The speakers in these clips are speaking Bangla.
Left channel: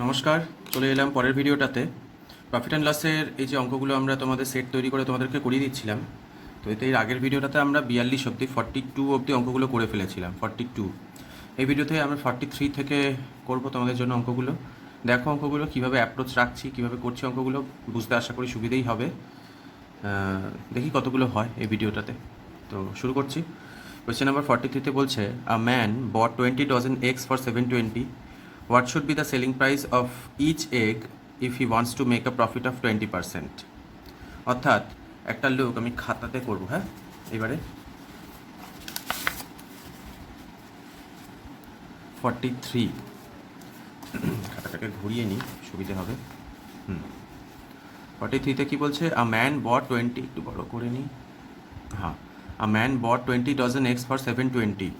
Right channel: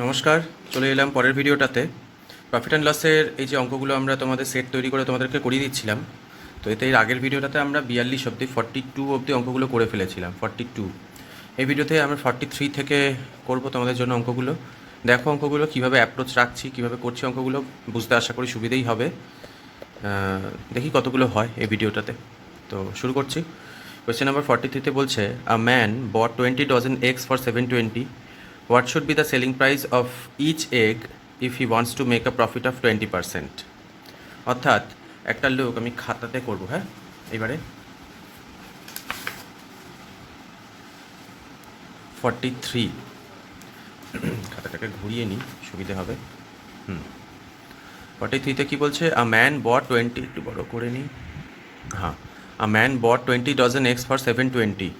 নমস্কার, চলে এলাম পরের ভিডিওটাতে। প্রফিট অ্যান্ড লসের এই যে অঙ্কগুলো আমরা তোমাদের সেট তৈরি করে তোমাদেরকে করিয়ে দিচ্ছিলাম। তো এতে এর আগের ভিডিওটাতে আমরা 42 অবধি 42 অবধি অঙ্কগুলো করে ফেলেছিলাম, 42। এই ভিডিওতে আমরা 43 থেকে করব তোমাদের জন্য অঙ্কগুলো। দেখো অঙ্কগুলো কীভাবে অ্যাপ্রোচ রাখছি, কীভাবে করছি অঙ্কগুলো বুঝতে আশা করি সুবিধেই হবে। দেখি কতগুলো হয় এই ভিডিওটাতে। তো শুরু করছি। কোয়েশ্চেন নাম্বার 43-তে বলছে, a man bought 20 dozen eggs for 720. What should be the selling price of each egg if he wants to make a profit of 20%? অর্থাৎ একটা লোক, আমি খাতাতে করব, হ্যাঁ এবারে 43 খাতাটাকে ঘুরিয়ে নিই, সুবিধে হবে। 43-তে কী বলছে? আ ম্যান বট 20, একটু বড় করে নিই, হ্যাঁ, a man bought 20 dozen eggs for 720.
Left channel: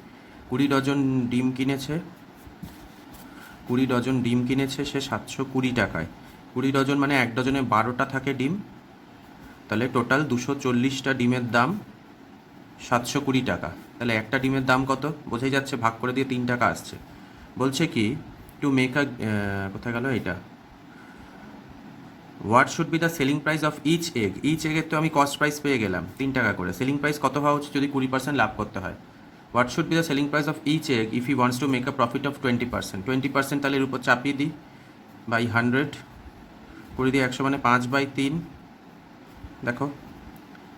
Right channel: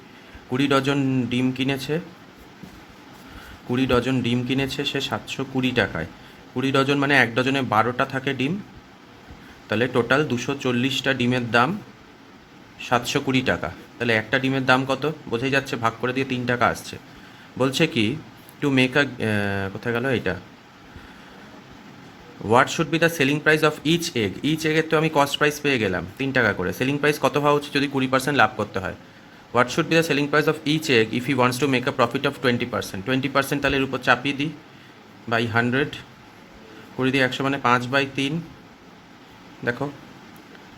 20 dozen ডিম কিনেছে, 20 ডজন ডিম কিনেছে সে 720 টাকায়। 20 ডজন মানে এক ডজনে 12টা থাকে ডিম, তাহলে টোটাল 240টা ডিমের দাম 720 টাকা। তাহলে একটা ডিমের দাম কত বোঝাই যাচ্ছে, ভাগ করে দিয়ে 3 টাকা আসছে। বলছে কি টু মেক আ, কোথায় গেল এইটা, what should be the selling price of each egg. Each এগের তো আমি কস্ট প্রাইস পেয়ে গেলাম 3 টাকা করে, সেলিং প্রাইস কত হওয়া উচিত যদি 20% লাভ করতে হয়। What should be the selling price of each egg if he wants to make a profit of 20%। 20% তাহলে এর উপর চাপিয়ে দিই বাই 100 করে দিই, 100 মানে 5/3, দেখো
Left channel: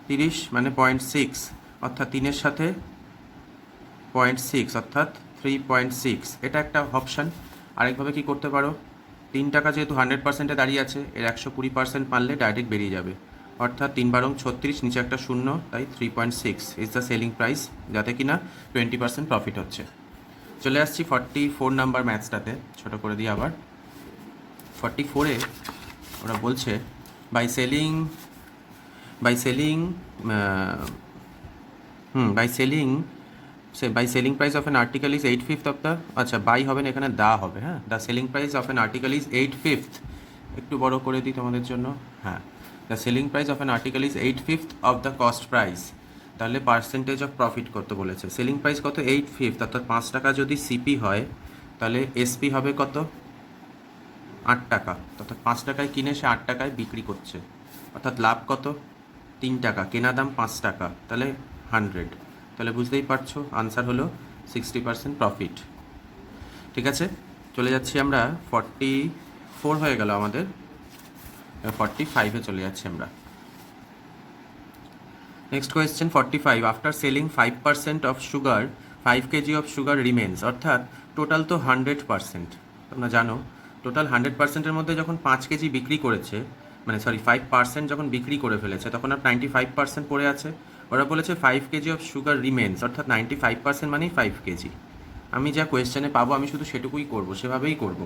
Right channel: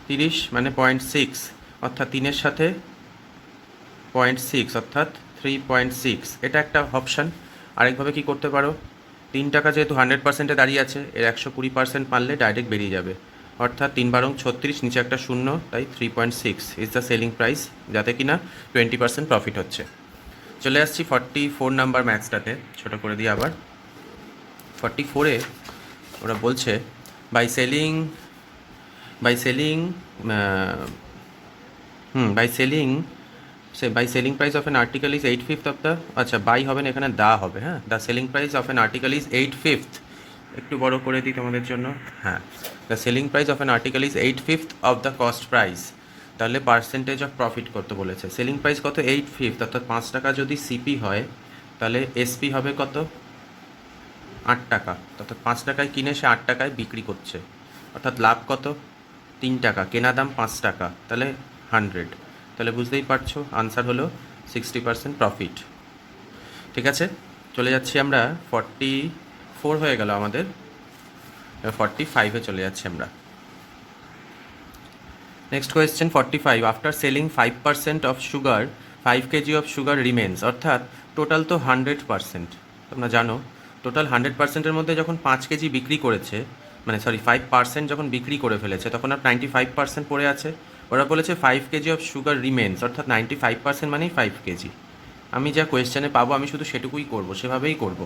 30 মানে 0.6, অর্থাৎ 3-এর সাথে 0.6 অর্থাৎ 3.6। এটা একটা অপশান। আরেকভাবে কি করতে পারো, 3 টাকা যেহেতু 100%-এ দাঁড়িয়ে আছে, এর 120% পারলে ডাইরেক্ট বেরিয়ে যাবে, অর্থাৎ 3 বারং 36, নিচে একটা শূন্য, তাই 3.6 ইজ দ্য সেলিং প্রাইস, যাতে কিনা 20% প্রফিট হচ্ছে। চলে আসছি 44 নাম্বার ম্যাথসটাতে, ছোটো করে দিই আবার। 44-এ ওরা বলছে by selling price of an article is 8/5 of the, আচ্ছা বাই হবে না, এখানে দা হবে, হ্যাঁ, the selling price of an article is 8/5, একটু বড় করে দিই তোমাদের জন্য, হ্যাঁ, the selling price of an article is 8/5 of the cost price. তাহলে পার্সেন্টেজ অফ প্রফিট করতে বলেছে। সেলিং প্রাইস কত? 8/5, অর্থাৎ 5 টাকা যদি সিপি হয় তাহলে এসপি হবে কত? 8 টাকা, অর্থাৎ 5 টাকায় কিনে সে 8 টাকায় বিক্রি করছে, অর্থাৎ লাভ কত? 3 টাকা, কেনা দাম 5 টাকা, তাহলে 100। তাহলে বুঝতেই পারছো আনসার হলো 60% প্রফিট। ঠিক আছে, চলে যাচ্ছি আমরা 44 হয়ে গেল আমাদের, 45-এ চলে যাচ্ছি আমরা। Next question 45, after selling 5% of sugar 5 KG of sugar remains. অর্থাৎ টোটাল তো 100%, তোমরা জানো টোটাল 100%-এর মধ্যে যখন 5 কেজি বিক্রি করেছে, মানে সরি 5% যখন বিক্রি করে ফেলেছে, তখন আর 95% পড়ে আছে। ওরা বলেছে 5 কেজি অফ সুগার রিমেন্স, অর্থাৎ 95% মানেই 5 কেজি। আমি যা কোয়েশ্চেনে পাবো আমি শুধু সেটুকুই করব, সেভাবেই করব।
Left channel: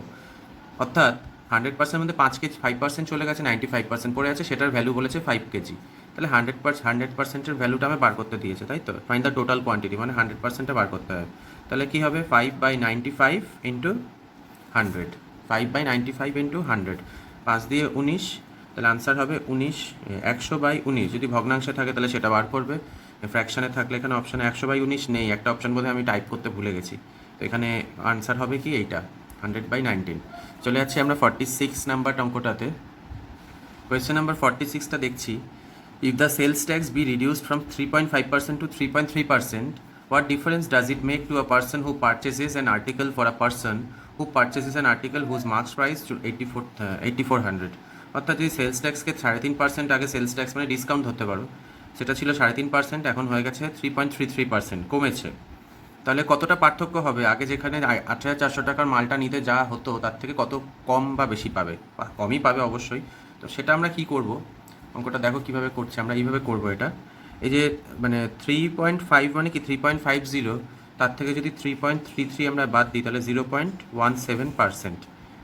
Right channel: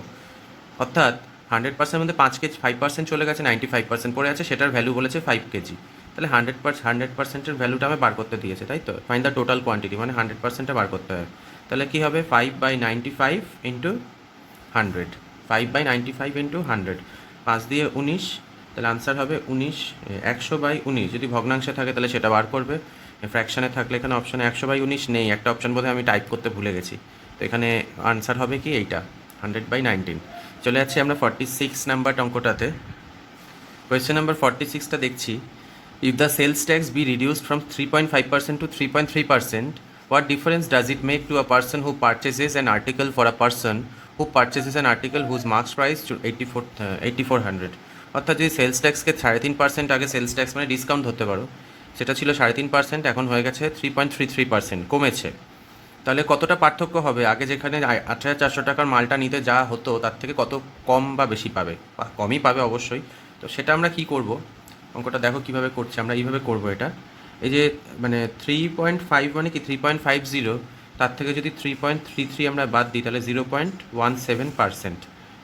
অর্থাৎ 100%-এর মধ্যে 5 কেজি 5% চলে গেছে, 95% পড়ে আছে, সেটার ভ্যালু বলেছে 5 কেজি। তাহলে 100%-এর ভ্যালুটা আমি বার করতে দিয়েছে, তাই তো, ফাইন্ড দ্য টোটাল কোয়ান্টিটি, মানে 100%টা বার করতে হবে। তাহলে কী হবে? 5/95 ইন্টু 100, 5/95 ইন্টু 100, 5 দিয়ে 19, তাহলে আনসার হবে 19, 100/19। যদি ভগ্নাংশে থাকে তাহলে সেটা বার করবে, ফ্র্যাকশনে থাকলে এখানে অপশানে 100/19 নেই, একটা অপশান বোধহয় আমি টাইপ করতে ভুলে গেছি, তো এখানে আনসার হবে কি এইটা, 100/19। চলে যাচ্ছি আমরা 46 নাম্বার অঙ্কটাতে। কোয়েশ্চেন নাম্বার 46টা দেখছি, if the sales tax be reduced from 3.5% to 3.3%, what difference does it make to a person who purchases an article for a person who purchases an article whose marks price to 8400। অর্থাৎ যদি সেলস ট্যাক্সকে 3.5% আগে সেলস ট্যাক্স মানে ডিসকাউন্ট ধরতে পারো, সেটা ছিল 3.5%, এখন হয়ে গেছে 3.33%, কমেছে। তাহলে কতটা পার্থক্য হবে? আগে যেখানে 8,400 টাকার মালটা নিতে যা হতো তার থেকে কত কম বা বেশি পাবে? কমই পাবে অবশ্যই। তো সেটা আমরা কি করব, অঙ্কটা দেখো কিভাবে করছি আমরা, এইভাবে করব এটা। এই যে মানে 3.5 মানে কি 3.50, তার থেকে যদি 3.33 আমরা বাদ দিই তাহলে 0.17%,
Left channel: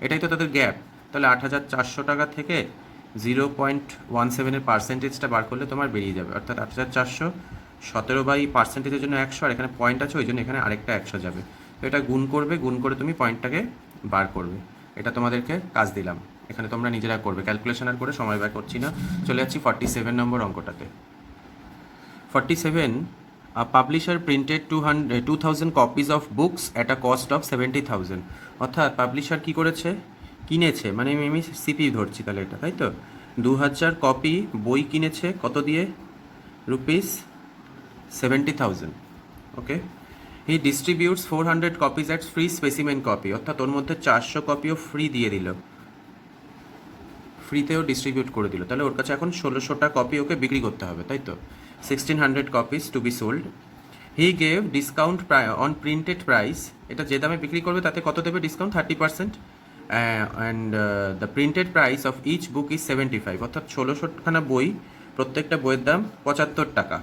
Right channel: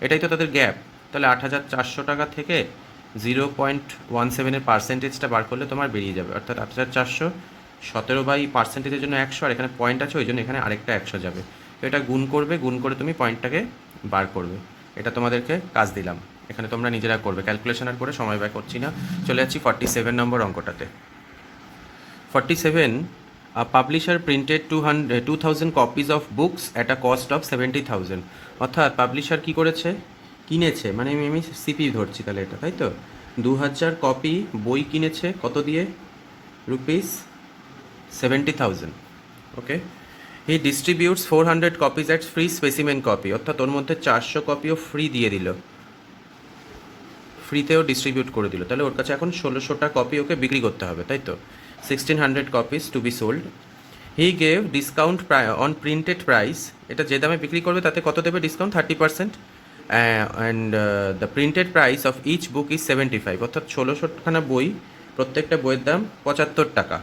এটাই তো তাদের গ্যাপ। তাহলে 8,400 টাকা থেকে 0.17-এর পার্সেন্টেজটা বার করলে তোমার বেরিয়ে যাবে, অর্থাৎ 8,400 17/পার্সেন্টেজের জন্য 100, আর এখানে পয়েন্ট আছে ওই জন্য এখানে আরেকটা 100 যাবে। তো এটা গুণ করবে, গুণ করে তুমি পয়েন্টটাকে বার করবে। এটা তোমাদেরকে কাজ দিলাম, এখানে তোমরা নিজেরা করবে, ক্যালকুলেশন আর করে সময় ব্যয় করছি না। চলে যাচ্ছি 47 নম্বর অঙ্কটাতে। 47, a publisher printed 2,000 copies of books at a cost of 70,000। অর্থাৎ পাবলিশার কী করেছে, কিনেছে মানে আমি সিপি ধরছি তাহলে এটা, তাই তো? 2000 কপি বই কিনেছে কত দিয়ে? Rupees 70,000। Okay. He distributes 400 copies at free specimen copy, অর্থাৎ ওর মধ্যে 400 কপিও ফ্রি দিয়ে দিল, ফ্রিতেও ডিস্ট্রিবিউট করে দিল। তাহলে ওর কাছে এখন 1600টা কপি ওকে বিক্রি করতে হবে, তাই তো? 1600 copies to be sold. He gave discount on printed price, এটা যে দামে বিক্রি করবে তাতে কত দেবে discount? 30%। And the printed price of each book is 75, অর্থাৎ 1600খানা বই, প্রত্যেকটা বইয়ের দাম 75 টাকা।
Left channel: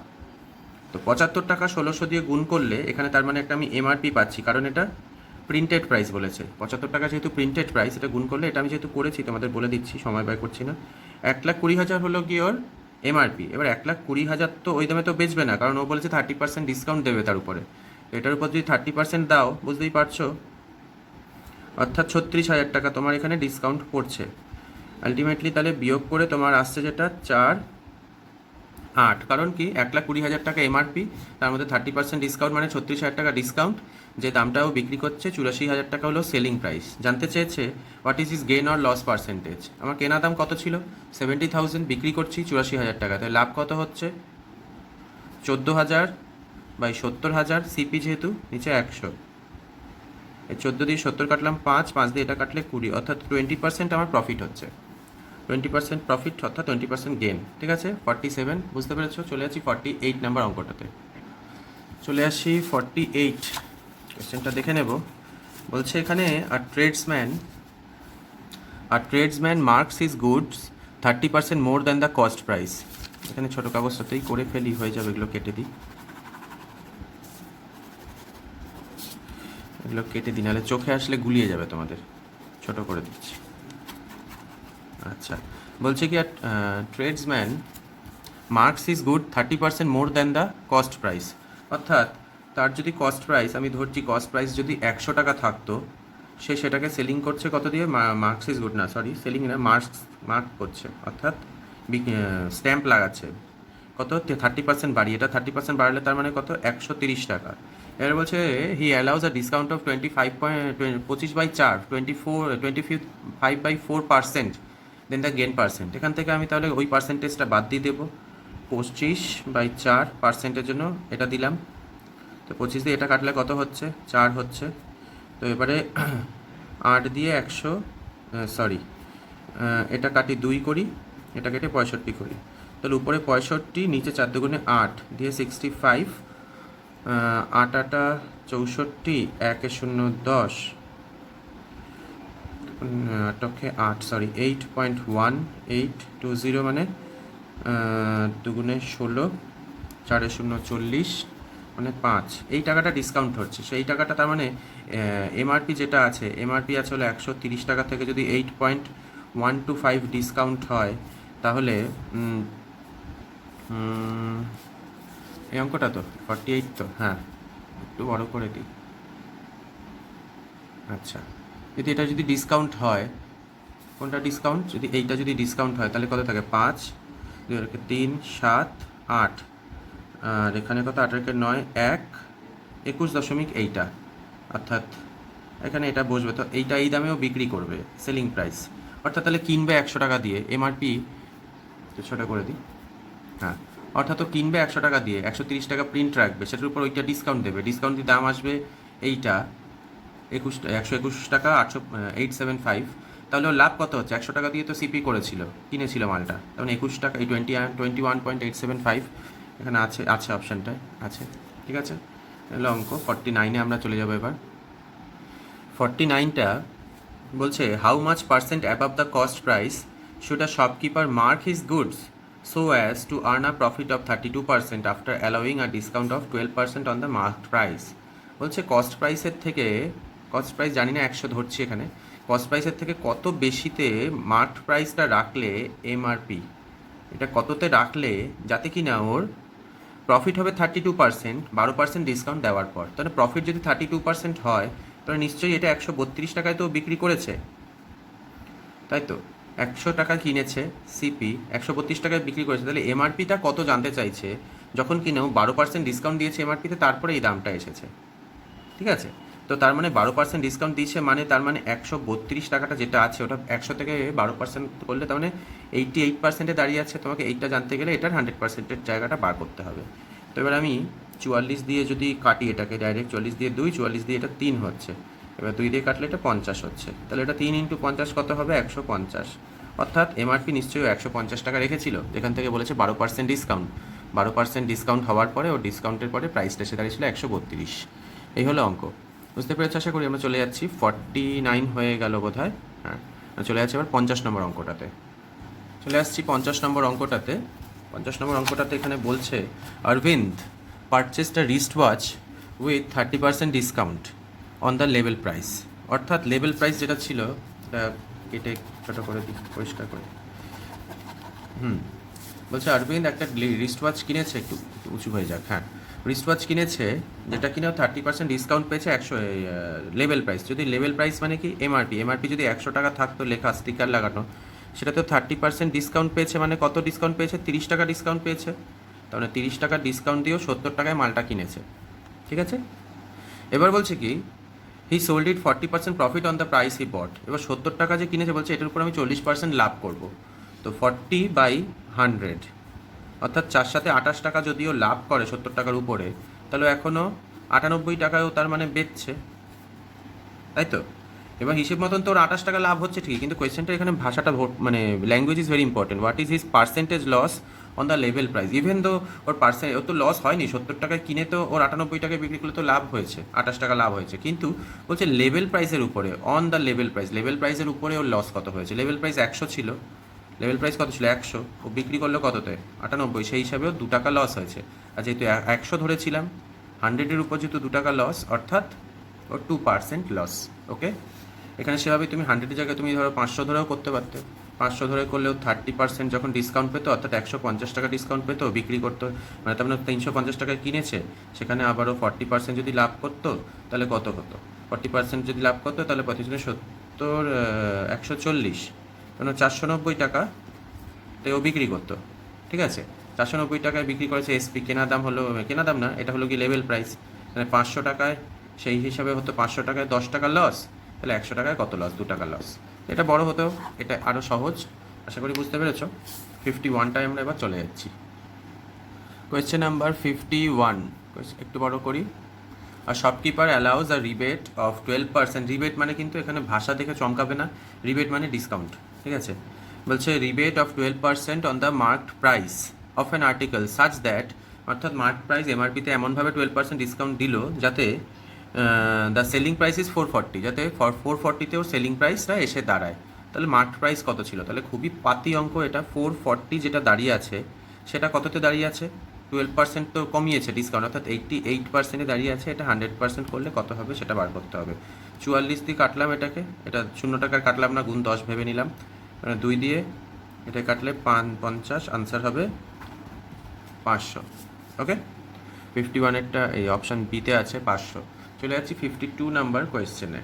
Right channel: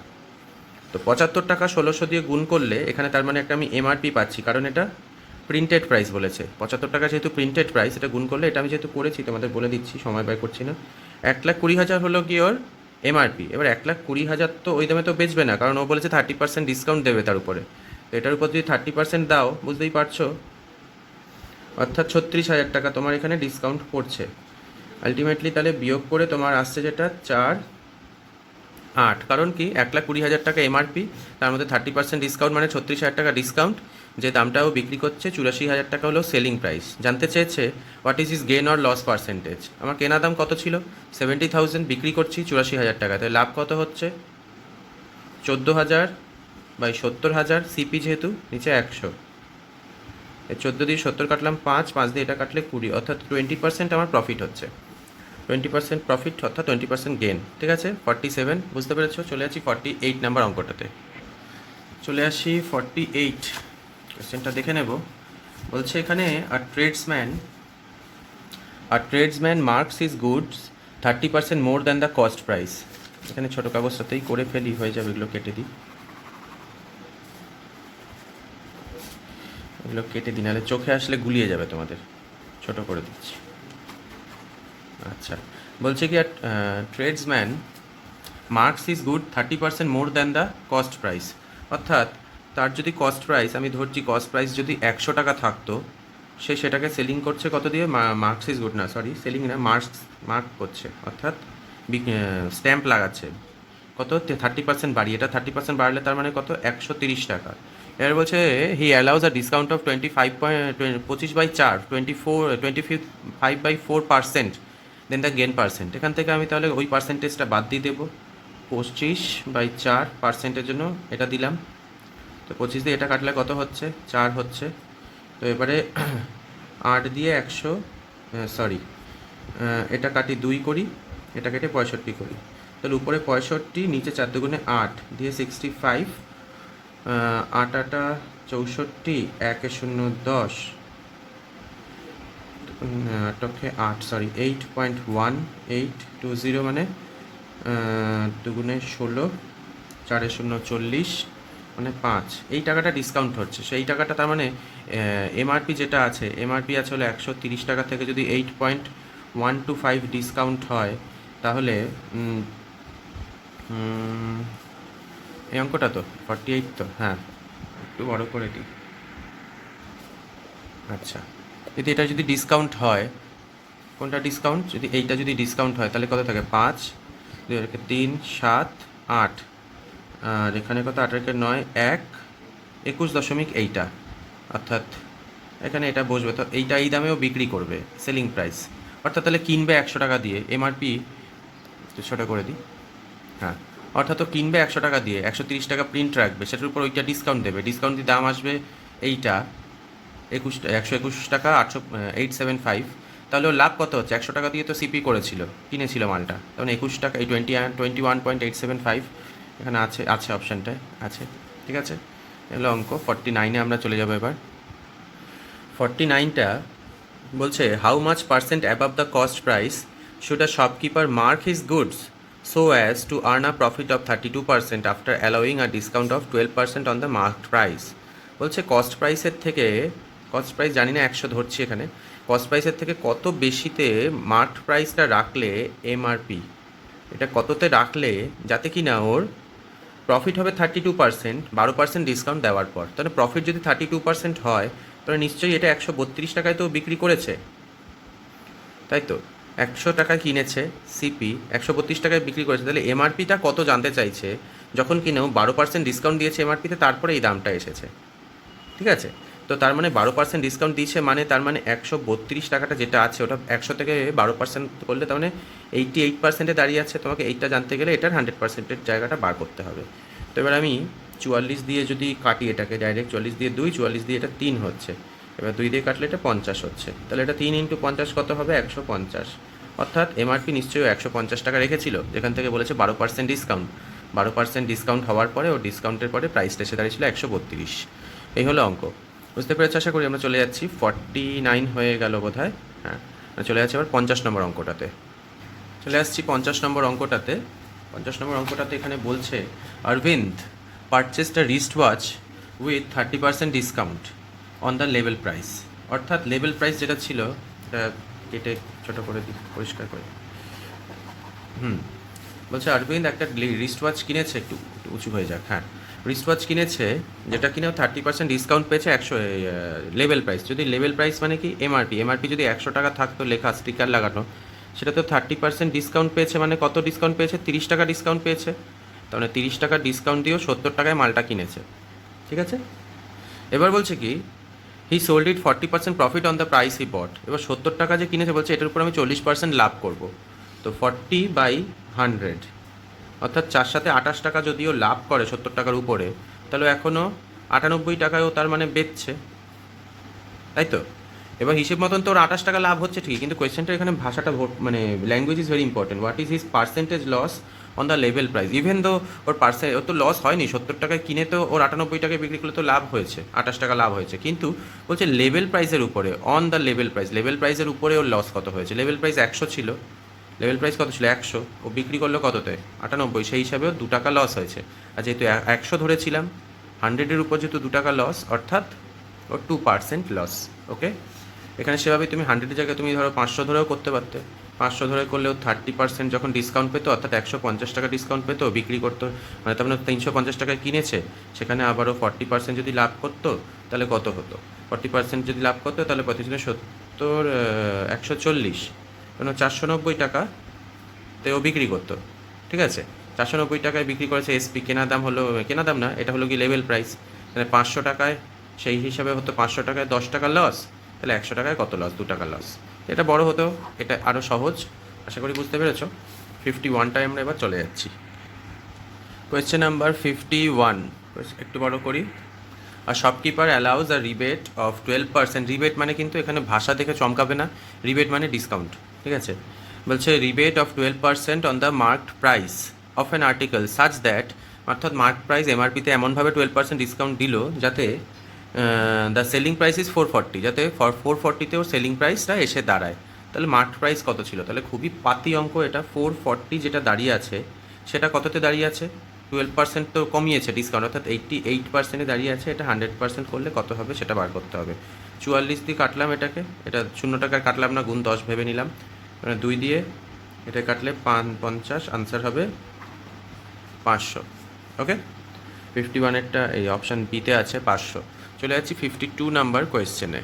তো 75 টাকা 1600 দিয়ে গুণ করলে এখানে তার মানে একটা আমি এমআরপি পাচ্ছি, কারণ এটা প্রিন্টেড প্রাইস বলেছে। 75 টাকা যেহেতু প্রিন্টেড প্রাইস, এটা গুণ করলে, এটা আমি যেহেতু করেছি তোমাদের বলে দিচ্ছি, সময় ব্যয় করছি না। 1,20,000 হলো কি ওর এমআরপি। এবার 1,20,000 তো ওই দামে তো বেচবে না, কারণ ও বলেছে 30% ডিসকাউন্ট দেবে তার উপরে। তো এটার উপর যদি 30% দাও, বুঝতেই পারছো, অর্থাৎ 36,000 টাকা তোমার এখানে ডিসকাউন্ট পড়ছে। আলটিমেটলি তাহলে বিয়োগ করে তোমার আসছে যেটা 4,8। কারণ কি, 1,20,000 টাকা এমআরপি, তার মধ্যে 30% ডিসকাউন্ট মানে 36,000 টাকা ডিসকাউন্ট। যে দামটাও বিক্রি করছে 84,000 টাকা হলো সেলিং প্রাইস। জানতে চেয়েছে what is is gain or loss percentage. আমার কেনা দাম কত ছিল? 70,000, বিক্রি করছি 84,000 টাকা, তাই লাভ কত হচ্ছে? 14,000 বাই 70,000, সিপি যেহেতু নিচে 100, এই 14 দিয়ে 70 কাটলাম 5 দিয়ে এটা কাটলে 20, অর্থাৎ 20% আমার প্রফিট হচ্ছে। 20% প্রফিট অর্থাৎ 20% গেন। ঠিক আছে, 47 বুঝতে পেরেছো? চলে আসি 48 নাম্বার অঙ্কটাতে। চলে আসি 48, কোয়েশ্চেনটা দেখে নেব। বলছে এখানে tradesman marks his goods 30% more than the cost price. এখানে ছোটো কাগজটাতেই করে ফেলি, হয়ে যাবে, এগুলো কেটে দিই, এগুলো কেটে দিই, নাহলে চোখে আসলে গুলিয়ে যাবে তোমাদের। ছোট করে দিচ্ছি। আচ্ছা, বলছে কি tradesman marks is good 30% more than the cost price, অর্থাৎ তার যদি কস্ট প্রাইস, আমি ধরছি কস্ট প্রাইস যদি 100 টাকা থাকতো, সে সেটাকে সেলিং করছে কত দিয়ে? মার্কস ইজ গুড না, সরি, সেলিং না, মার্ক করছে, অর্থাৎ স্ট্যাম্প লাগাচ্ছে কত? 30% বাড়িয়ে। এটা 30% বাড়লে তার মানে কত? 130 টাকা। এবার বলছে he allows a discount of 25/4 25/4%, then the gain percent. এখান থেকে আমি তাহলে ওই পার্সেন্টেজটা বাদ দিয়ে দেবো। 25/4%-এর জন্য এটা দিলাম, তো 25 দিয়ে এটা কাটলে কত হচ্ছে? 4 হচ্ছে। তো এবারে 8 দিয়ে 100, সরি, এটা কাটি 2 করি, এটা কেটে 65 করি, তাহলে উপরে 65, নিচে 4 দুগুণে 8 দিয়ে 65, 8 8 64, 1 0 10, 8 সরি 8.1820, মানে দুগুণে 16, 4 0 40, মানে 5। এই টাকাটা ডিসকাউন্ট হচ্ছে, সেই টাকাটা তার মানে এমআরপি যেটা আছে, এমআরপি আছে হলো 130 টাকা থেকে যদি 8.125 ডিসকাউন্ট হয়, তাহলে এই অঙ্কটা তো 48 তো, হ্যাঁ, একটু বড় করে দিই। আচ্ছা, যদি এটা যদি ডিসকাউন্ট হয়, কোনটা ডিসকাউন্ট? যদি এইটা যদি ডিসকাউন্ট হয় তাহলে কত থাকে? 5, 3, 7, 8, আর এখানে কত? 8 9, 1, 21 এইটা, অর্থাৎ এখানে এটা বসবে, তো এইটা এই দামেও বিক্রি করবে, সেলিং প্রাইস, অর্থাৎ তাহলে কিনবে 100 টাকা দিয়ে। এমআরপি 200 টাকা করে দিই, হ্যাঁ, অর্থাৎ তো কিনবে 100 টাকা দিয়ে, 130 টাকা প্রিন্ট রাখবে, সেটার উপর ওইটা ডিসকাউন্ট দেবে, ডিসকাউন্ট দিয়ে দাম আসবে এইটা 121 টাকা 875। তাহলে ওর লাভ কত হচ্ছে? 100 টাকা দিয়ে তো সিপি করেছিল, কিনেছিল মালটা, তখন 21 টাকা, এই 21.875 এখানে আছে অপশানটায় আছে। ঠিক আছে, এগুলো অঙ্ক। 49-এ আমরা চলে যাবো এবার। 49টা বলছে how much percent above the cost price should a shopkeeper mark his goods so as to earn a profit of 32% after allowing a discount of 12% on the marked price। বলছে কস্ট প্রাইসের থেকে, কস্ট প্রাইস জানি না 100 ধরছি এখানে, কস্ট প্রাইসের থেকে কত বেশিতে মার্কড প্রাইসটা রাখলে, এমআরপি এটা কততে রাখলে যাতে কি না ওর প্রফিট হবে 32%, 12% ডিসকাউন্ট দেওয়ার পর। তাহলে প্রফিট যদি 32% হয়, তাহলে নিশ্চয়ই এটা 132 টাকায় তো বিক্রি করেছে, তাই তো? 100 টাকা কিনেছে, সিপি 132 টাকায় বিক্রি করেছে, তাহলে এমআরপিটা কত জানতে চাইছে, যখন কিনা 12% ডিসকাউন্ট দিয়েছে এমআরপিতে, তারপরে এই দামটা এসেছে। ঠিক আছে, তো তো তার মানে 12% ডিসকাউন্ট দিয়েছে, মানে তার মানে 132 টাকাটা যেটা আছে ওটা 100 থেকে 12% করলে তার মানে 88%-এ দাঁড়িয়ে আছে। তোমাকে এইটা জানতে গেলে এটার 100%-এর জায়গাটা বার করতে হবে। তো এবার আমি 44 দিয়ে যদি কাটি এটাকে ডাইরেক্ট, 44 দিয়ে 2, 44 দিয়ে এটা 3 হচ্ছে, এবার 2 দিয়ে কাটলে এটা 50 হচ্ছে, তাহলে এটা 3 × 50 কত হবে? 150। অর্থাৎ এমআরপি নিশ্চয়ই 150 টাকা রেখেছিল, যেখান থেকে বলেছে 12% ডিসকাউন্ট। 12% ডিসকাউন্ট হওয়ার পরে ও ডিসকাউন্টের পরে প্রাইসটা এসে দাঁড়িয়েছিল 132। এই হলো অঙ্ক। বুঝতে পেরেছি আশা করি। আমরা চলে যাচ্ছি 49 হয়ে গেল বোধ হয়। হ্যাঁ, চলে যাচ্ছি এবার 50 নম্বর অঙ্কটাতে। চলে আসছি 50 নম্বর অঙ্কটাতে। 50 নম্বর অঙ্কটাতে এখানে বলছে Arvind purchased a wrist watch with 30% discount on the level price. অর্থাৎ লেভেল প্রাইস যেটা ছিল এটা কেটে ছোটো করে দিই, পরিষ্কার করে। বলছে অরবিন্দ একটা রিস্ট ওয়াচ কিনেছে, একটু উঁচু হয়ে যাক, হ্যাঁ, রিস্ট ওয়াচ কিনেছে যেটা কিনেও 30% ডিসকাউন্ট পেয়েছে। 100 লেভেল প্রাইস, যদি লেভেল প্রাইস মানে কি এমআরপি যদি 100 টাকা থাকতো লেখা স্টিকার লাগানো, সেটা তো 30% ডিসকাউন্ট পেয়েছে, মানে কত ডিসকাউন্ট পেয়েছে? 30 টাকা ডিসকাউন্ট পেয়েছে। তাহলে 30 টাকা ডিসকাউন্ট দিয়েও 70 টাকায় মালটা কিনেছে, ঠিক আছে। এবার বলছে কি he sold it 40% profit on the price he bought. এবার 70 টাকা যে কিনেছে বলছে এটার উপর আমি 40% লাভ করব। তো 40/100, অর্থাৎ 4 সাথে 28 টাকা যদিও লাভ করে 70 টাকার উপরে, তাহলে এখনও 98 টাকায়ও তার মানে বেচছে, তাই তো। এবং হিসেব মতন তোর 28 টাকা লাভ হচ্ছে ঠিক, কিন্তু কোয়েশ্চেনটা এখানে ভাষাটা মানে language is very important. What is his percentage loss on the level price? Even though or ওর তো লস হয়নি, 70 টাকায় কিনে তো ওর 98 টাকায় বিক্রি করলে তো লাভ হয়েছে, 28 টাকা লাভ হয়েছে, কিন্তু বলছে লেভেল প্রাইসের উপরে, on the level price, level প্রাইসের উপরে ওর লস কত হয়েছে? লেভেল প্রাইস 100 ছিল, লেভেল প্রাইস কত ছিল? 100, ও বিক্রি করলো কততে? 98, সেই হিসাবেও 2 টাকা লস হয়েছে। আর যেহেতু 100 ধরেছিলাম, 100-এর উপর যেহেতু 2 টাকা লস, অর্থাৎ ওর 2% লস। ওকে, এখানে সেভাবে তুমি 100-এর জায়গায় তুমি ধরো 500 ধরেও করতে পারতে। 500 ধরে করলেও 30% যখন ডিসকাউন্ট পেতো, অর্থাৎ 150 টাকা ডিসকাউন্ট পেতো, বিক্রি করতো, মানে তার মানে 350 টাকায় কিনেছে, সেখানে আবারও 40% যদি লাভ করতো তাহলে কত হতো? 40% যদি লাভ করতো তাহলে 70, 140, কেন 490 টাকা ও বিক্রি করতো, ঠিক আছে। 490 টাকায় বিক্রি করেছে এসপি, কেনা দাম হলো, কেনা দাম না, এটা হলো কি লেভেল প্রাইস, মানে 500 টাকায়, সেই হিসাবে হতো 500 টাকায় 10 টাকা লস, তাহলে 100 টাকায় কত লস? 2 টাকা লস। এটা বড় হতো, এটা আরও সহজ, আশা করি বুঝতে পেরেছো। 51টায় আমরা এবার চলে যাচ্ছি। কোয়েশ্চেন নাম্বার 51, একটু বড় করি। আর shopkeeper allows a rebate of 12%। Rebate মানে কিন্তু এখানে ভাষা দেখে চমকাবে না, রিবেট মানে ডিসকাউন্ট, ঠিক আছে। বলছে rebate of 12% on the marked price of an article such that, অর্থাৎ মার্ক প্রাইস এমআরপিতে এমনভাবে 12% ডিসকাউন্ট দিল যাতে দ্য সেলিং প্রাইস ইজ 440, যাতে 440-তেও সেলিং প্রাইসটা এসে দাঁড়ায়। তাহলে মার্ক প্রাইস কত ছিল? তাহলে খুবই পাতি অঙ্ক এটা। 440 যেটা দাঁড়িয়ে আছে সেটা কততে দাঁড়িয়ে আছে? 12% তো কমিয়েছে ডিসকাউন্ট, অর্থাৎ 88%-এ দাঁড়িয়ে আছে। এটা 100% করলে কত হবে সেটা বার করতে হবে। 44 দিয়ে কাটলাম এটাকে, এটা 0 টাকার কাটলাম না, গুণ 10 ভেবে নিলাম, মানে 2 দিয়ে এটা কাটলে 50, আনসার হবে 500। ওকে, 51-এরটা এই অপশান বিতে আছে 500। চলে যাচ্ছি 52 নাম্বার কোয়েশ্চেনে।